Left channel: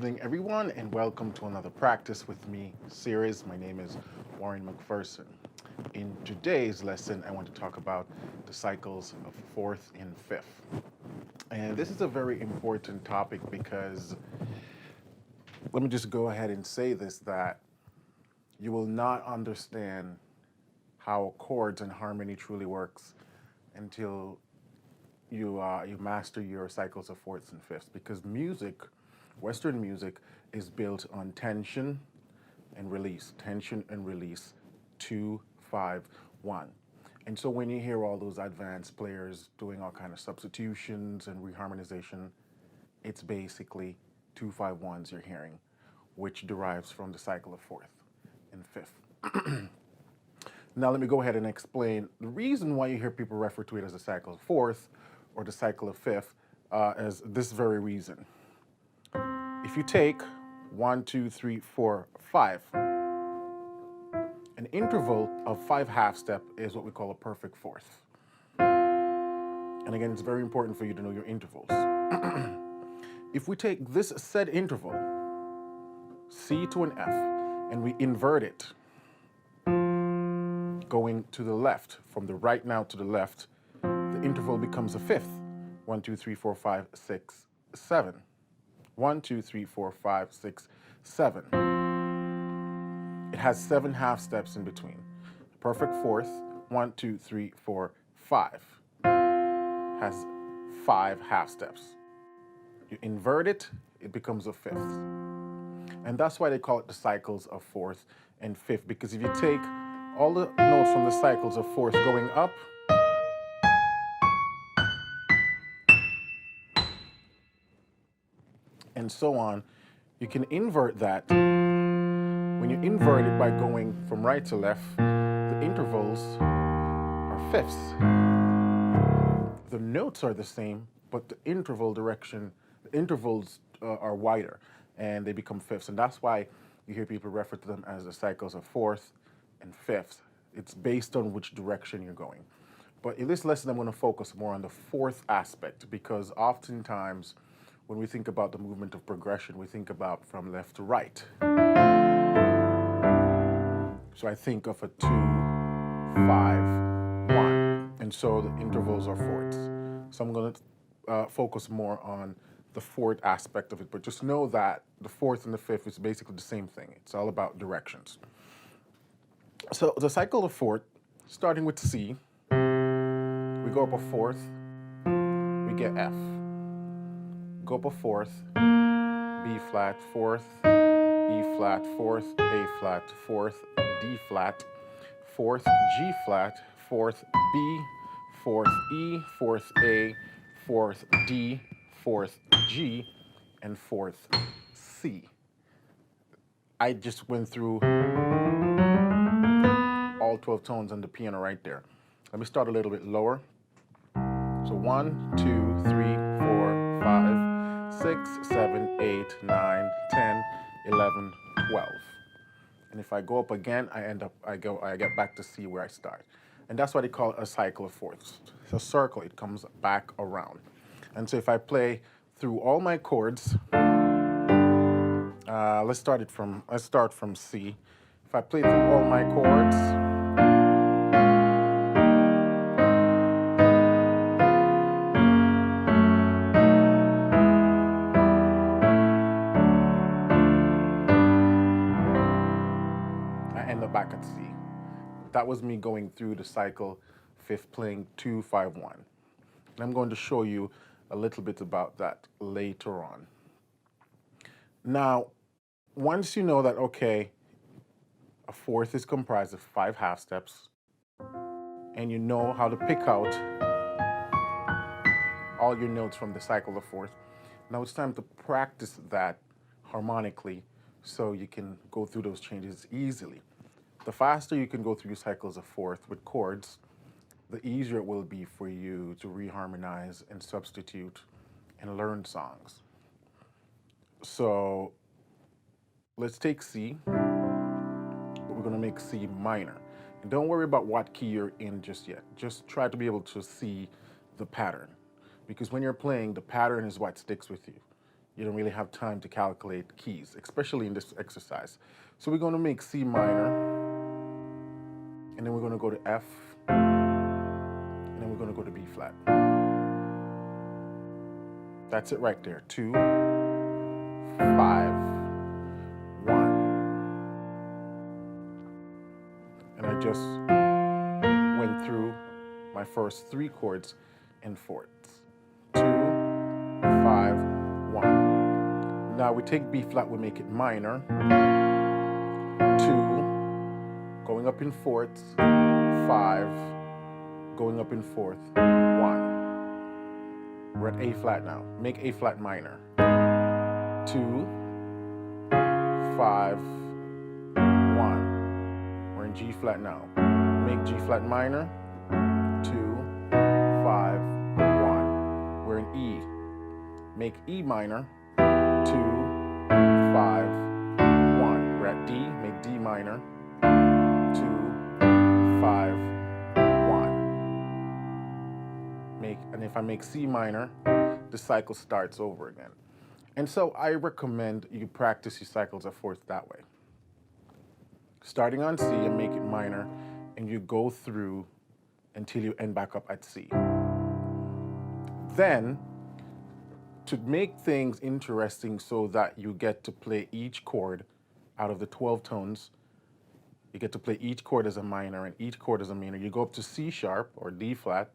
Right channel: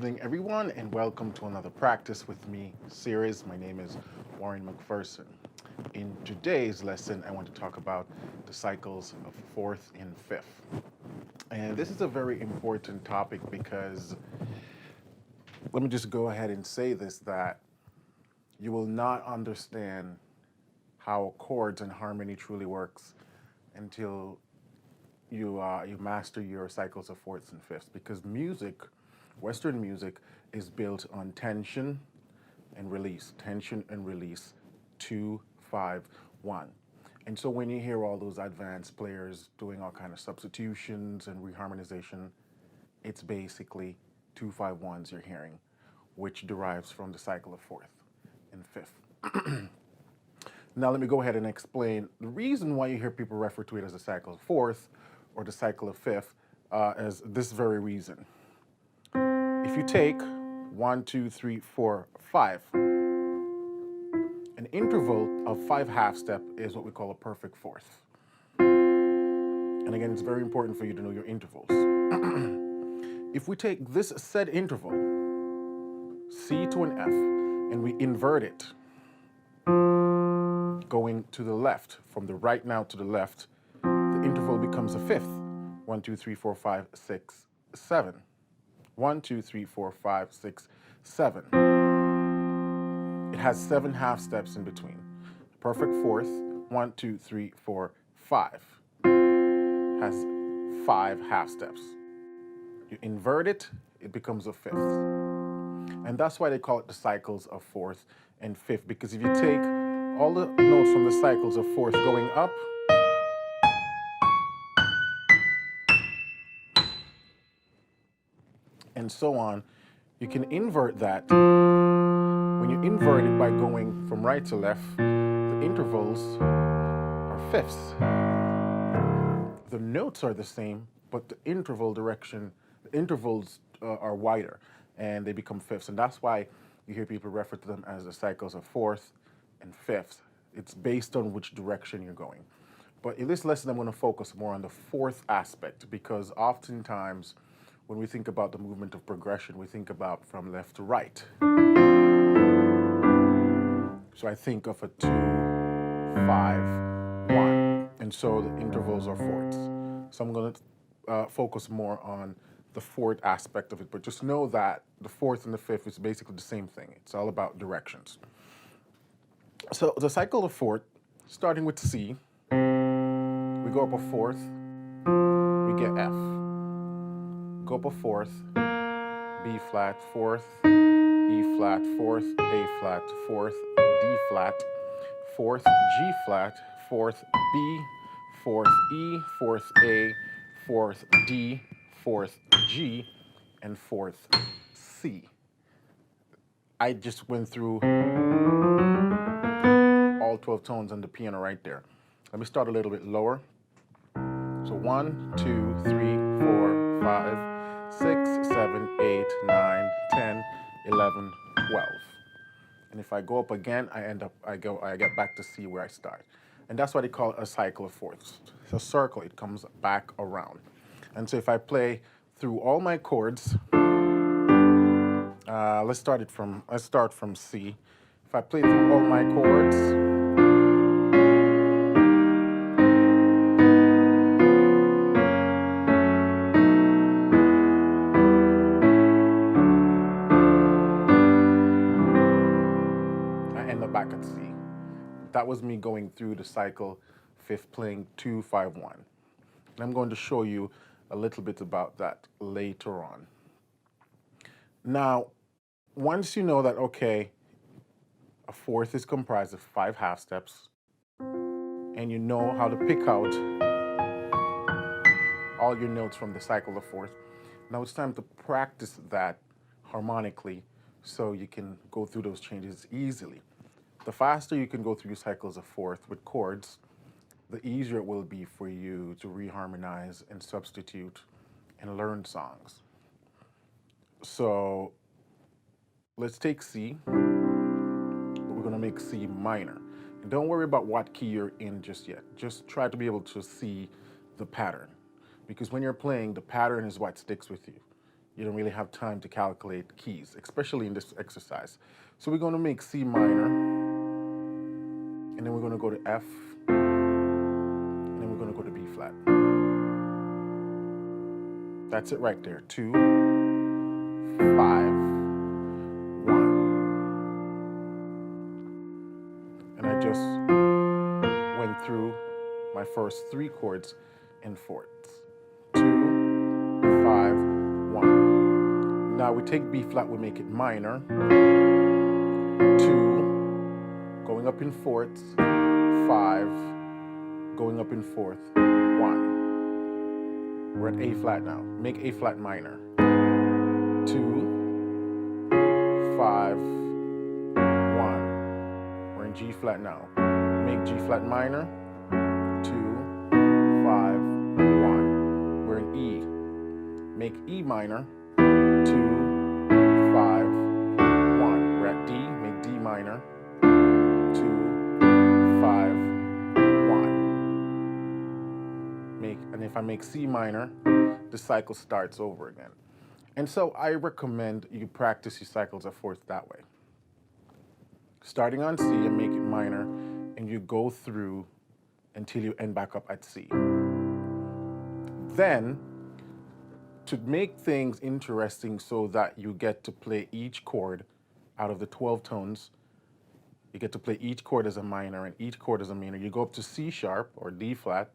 evening, everyone, and welcome to another Practice with Me series. My name is Warren McPherson. In today's lesson, I want to talk about the cycles of fourth and fifth. And this is a very important topic because, let me just go ahead and say this, that you will not understand how chords and harmony truly works until you master your cycles of fourths and fifths, because music, Western music, is built on tension and release, 2, 5, 1. And so when you hear all those advanced players doing all kind of substitutions and reharmonization, it's basically 2, 5, 1s you're hearing, which derives from the cycle of fourth and fifth. Now let me go ahead and explain the reason why you hear people refer to it as the cycle of fourth or the cycle of fifth as this very reason. If you take 1, 2, 3, 4, 5, an interval of 5 half step is what we call a perfect fourth. And again, it's very important for you to know your intervals. If we take this said interval, C to an F, and we invert it, going to the left, from the right now to the left, the interval becomes a fifth. 1, 2, 3, 4, 5, 6, 7. 1, 2, 3, 4, 5, 6, 7. It has 7 half steps in between. Perfect fourth, 1, 2, 3, 4, 5, has 5 half steps. You invert it, it becomes a fifth. And that's why they call it the cycles of fourth and fifth, because if you take all the notes from the cycles of fourth going up, and so on, you can invert that. When you invert it by going from right to left, the intervals are fifths. The notes are the same, but the interval direction, the intervals are wider, and they become fifths. And that's why you hear people refer to them as the cycles of fourth and fifth. It's based on which direction you're going. But in this lesson, I'm going to focus more on the fourth aspect, because oftentimes when we think about the movement of progression, we think about from left to right. So I think of a 2, 5, 1. And so the intervals are fourths. So I'm going to focus more on the fourth aspect of it. But just know that the fourth and the fifth is basically the same thing. It's all about directions. So the cycle of fourth, starting with C, we go up a fourth, we get F. Go up a fourth, B flat, fourth, E flat, fourth, A flat, fourth, D flat, fourth, G flat, fourth, B, fourth, E, fourth, A, fourth, D, fourth, G, and fourth, C. I just went through all 12 tones on the piano right there. Let me start a little bit lower. So 1, 2, 3, 4, 5, 6, 7, 8, 9, 10, 11, 12. And if I go up again, I get back to C where I start. And that's what they call a cycle of fourths. It's a circle, it comes back around. And so if I play through all my chords, let's start from C. If I play through all my chords, back at C. That was me going through the cycle fifth, playing 2, 5, 1. And I'm going to show you a little bit about that later on. Now, once you know that, okay, a fourth is comprised of 5 half steps, and you know how to pick out all your notes from the cycle of fourth, now it's time to practice that harmonically so you can go through those changes easily. The faster you can go through your cycles of fourth with chords, the easier it will be for you to reharmonize and substitute and learn songs. So let's take C, but we're going to make C minor. And don't worry about what key you're in just yet. Just try to be able to see the pattern. Because when you're playing, the pattern is what sticks with you. you don't really have time to calculate keys, especially in this exercise. So we're going to make C minor, and then we're going to go to F, and then we're going to go to B flat. That's it right there. 2, 5, 1. And I just went through my first 3 chords in fourths. 2, 5, 1. Now we take B flat, we make it minor. 2, going up in fourths. 5, going up in fourth. 1. We're at A flat now. Make A flat minor. 2, 5, 1. We're in G flat now. Make G flat minor. 2, 5, 1. We're in E. Make E minor. 2, 5, 1. We're at D. Make D minor. 2, 5, 1. And if I make C minor, the cycle starts over again. And so I recommend you practice your cycles of fourth that way. Starting on C and make it minor, and you go through until you end back up at C. Then, to make things interesting so that you get to play each chord out of the 12 tones, you get to play each chord as a minor and each chord as a minor. You go up to C sharp or D flat,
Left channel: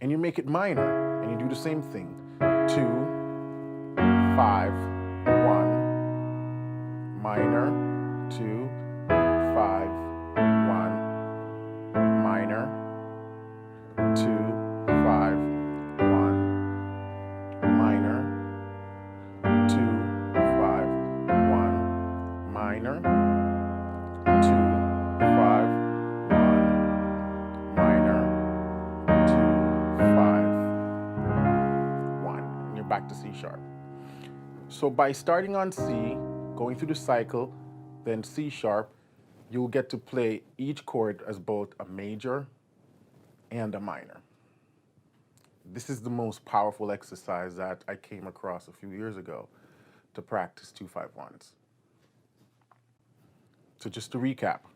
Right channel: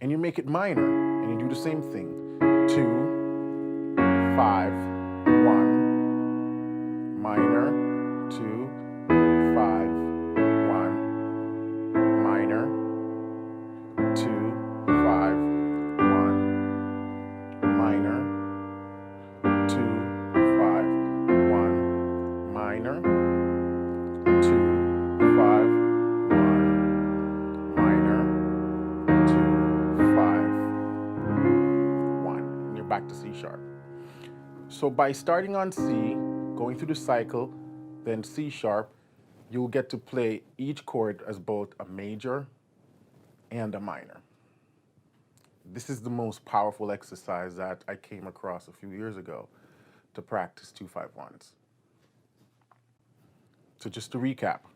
and you make it minor, and you do the same thing. 2, 5, 1, minor, 2, 5, 1, minor, 2, 5, 1, minor, 2, 5, 1, minor, 2, 5, 1, minor, 2, 5, 1, and you're back to C sharp. So by starting on C, going through the cycle, then C sharp, you'll get to play each chord as both a major and a minor. This is the most powerful exercise that I came across a few years ago to practice 2-5-1s. So just to recap,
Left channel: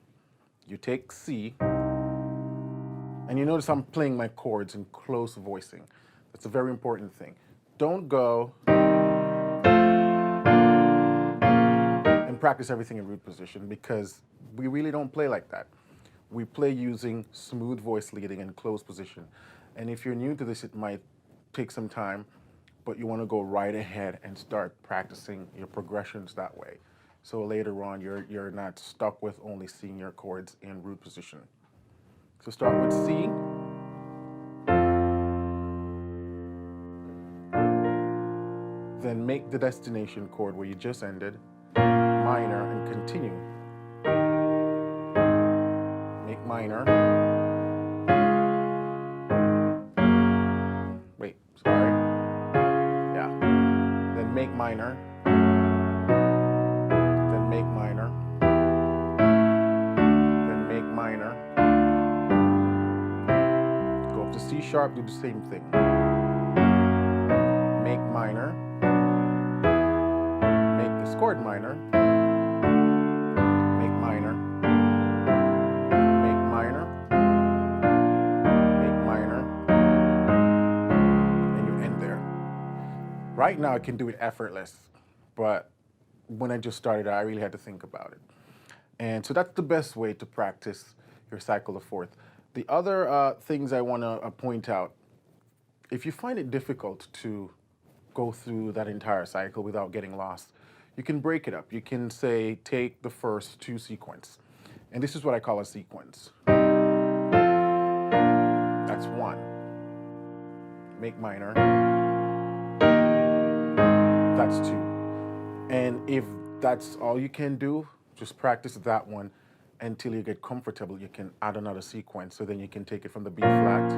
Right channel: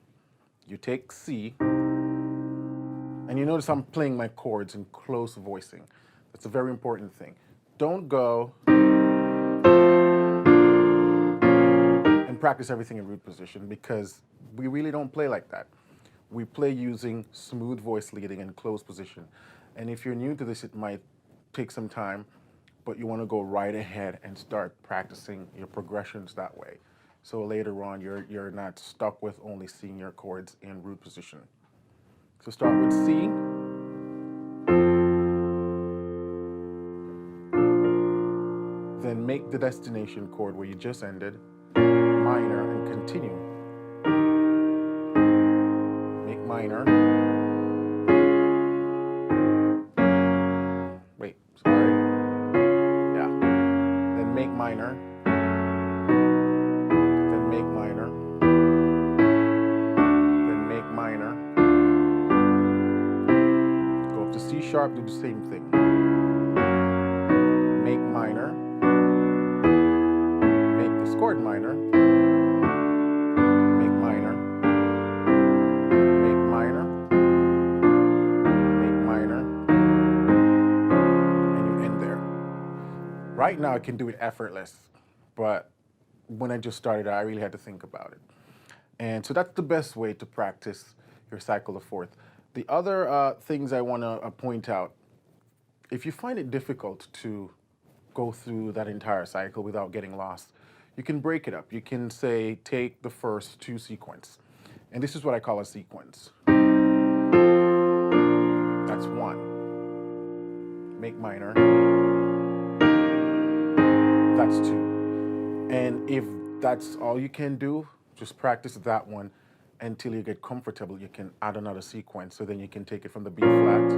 you take C, and you notice I'm playing my chords in close voicing. That's a very important thing. Don't go and practice everything in root position, because we really don't play like that. We play using smooth voice leading and closed position. And if you're new to this, it might take some time, but you want to go right ahead and start practicing your progressions that way. So later on, you're not stuck with only seeing your chords in root position. So start with C. Then make the destination chord where you just ended minor and continue. Make minor. Wait, sorry. Yeah. Then make minor. Then make minor. Then make minor. Go up to C sharp, do the same thing. Make minor. Make this chord minor. Make minor. Make minor. Make minor. And you end there. Right now I can do it effortless, but when I just started, I really had to think about it. And so that's the best way to practice your cycle of fourth. The other things I want to point out, if you find it difficult to go through that entire cycle without getting lost, you can break it up. You can say, take the first 2 sequence. And this is what I call a sequence. That's 1. Make minor. That's 2. And if that's all you can do, just practice that one until you get comfortable. You can add another sequence, so then you can take it from the B flat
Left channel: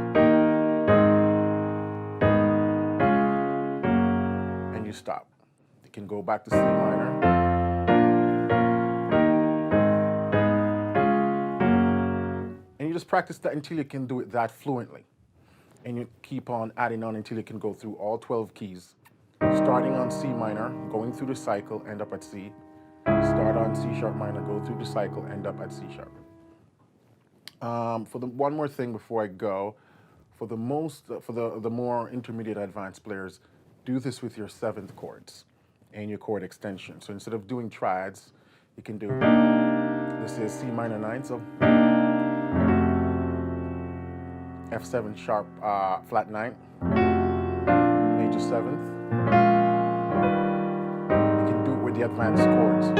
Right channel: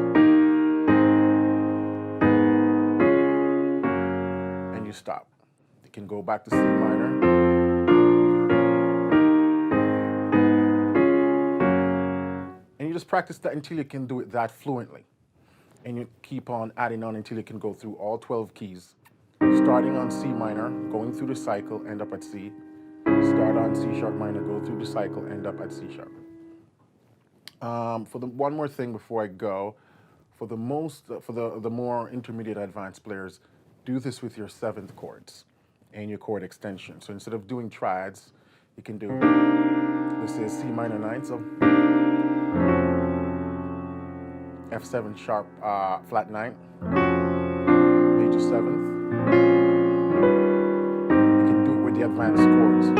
and you stop. You can go back to C minor. And you just practice that until you can do it that fluently. And you keep on adding on until you can go through all 12 keys starting on C minor, going through the cycle, end up at C. Start on C sharp minor, go through the cycle, end up at C sharp. For the one more thing before I go, for the more intermediate advanced players, do this with your seventh chords and your chord extension. So instead of doing triads, you can do, this is C minor 9, so F7 sharp flat 9, major 7th. You can do it with the advanced chords.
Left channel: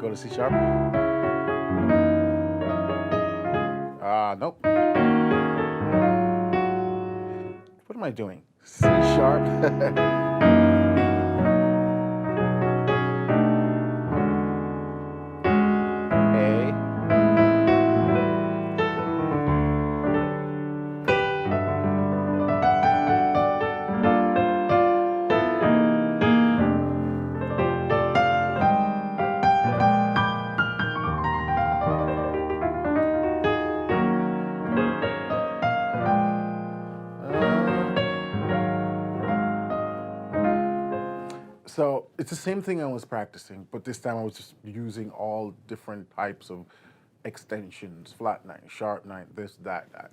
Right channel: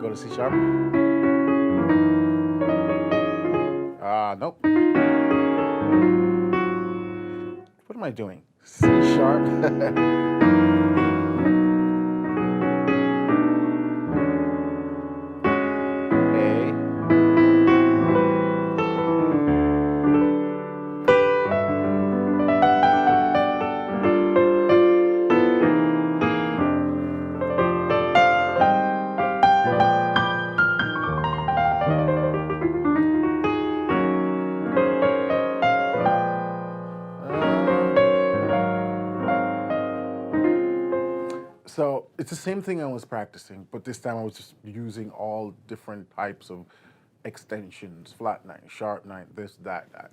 Go to C sharp. Nope. What am I doing? C sharp. So it's the same thing I was practicing, but this time I was just using all different types of extensions, flat 9, sharp 9, this, that.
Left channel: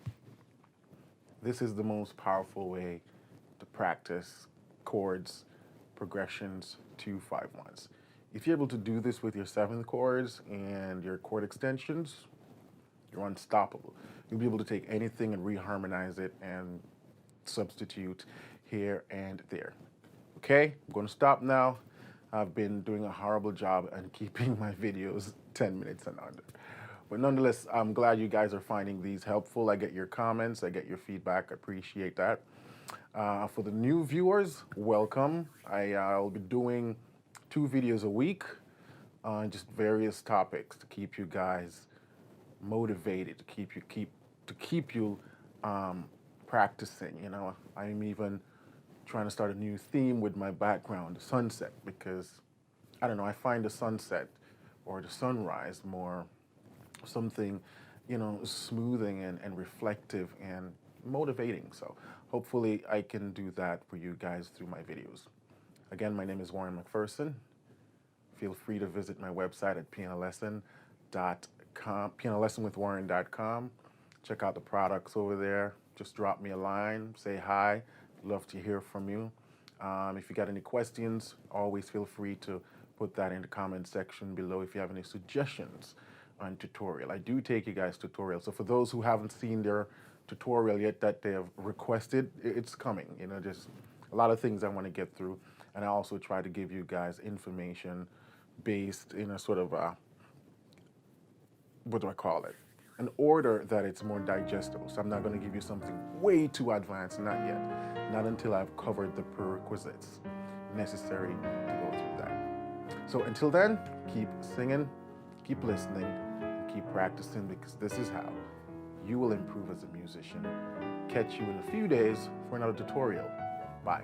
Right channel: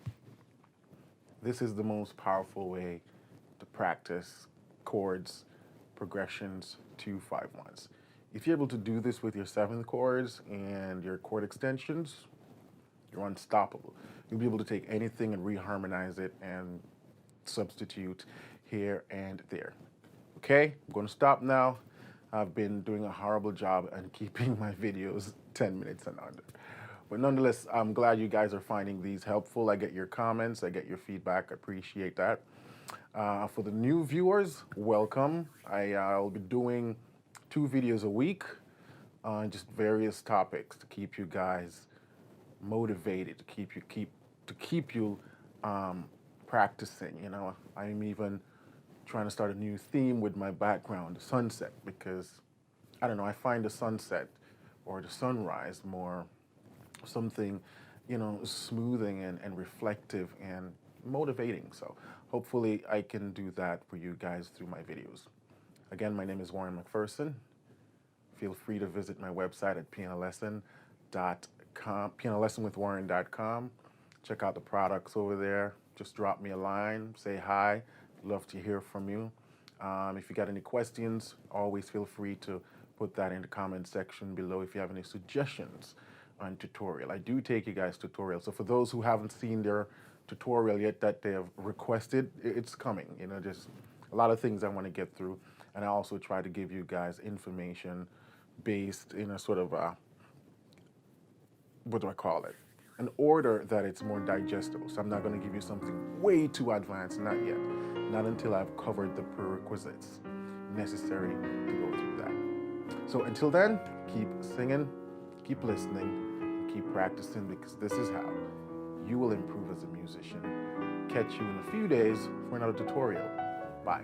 This is the most powerful way to practice chords, progressions, 2, 5, 1s. If you're able to do this with your seventh chords and your chord extensions, you're unstoppable. You'll be able to take anything and reharmonize it and substitute here and there. Okay, I'm going to stop now. I've been doing a horrible job at keeping my videos 10 minutes and under. But nonetheless, I'm glad you guys are finding these helpful. I get your comments, I get your feedback, I appreciate that. For the new viewers, welcome. I'll be doing 2 videos a week on just various topics to keep you guys motivated, to keep you practicing. You know, I'm even trying to start a new theme with my background, the sunset, because I don't know, I find the sunset or the sunrise more something, you know, smoothing and reflective and motivating. So hopefully I can do that for you guys through my videos. Again, my name is Warren McPherson. Feel free to visit my website at pianolesson.com, pianolessonwithwarren.com. Check out the products over there. Just drop me a line, say hi. Love to hear from you. If you got any questions, always feel free to put that in the comment section below if you have any suggestions on tutorial. I do take you guys tutorials. So for those who haven't seen their tutorial yet that they have requested, it's coming. You know, just a lot of things I want to get through. And I also try to give you guys information based in a sort of, what do I call it? An order that it's more digestible. So I'm not going to give you something way too advanced, not yet. Not until I've covered the prerequisites necessary to go through that. So until then, keep singing, keep listening, and keep practicing, because this is how you will improve as a musician. Catch you in a few days for another tutorial. Bye.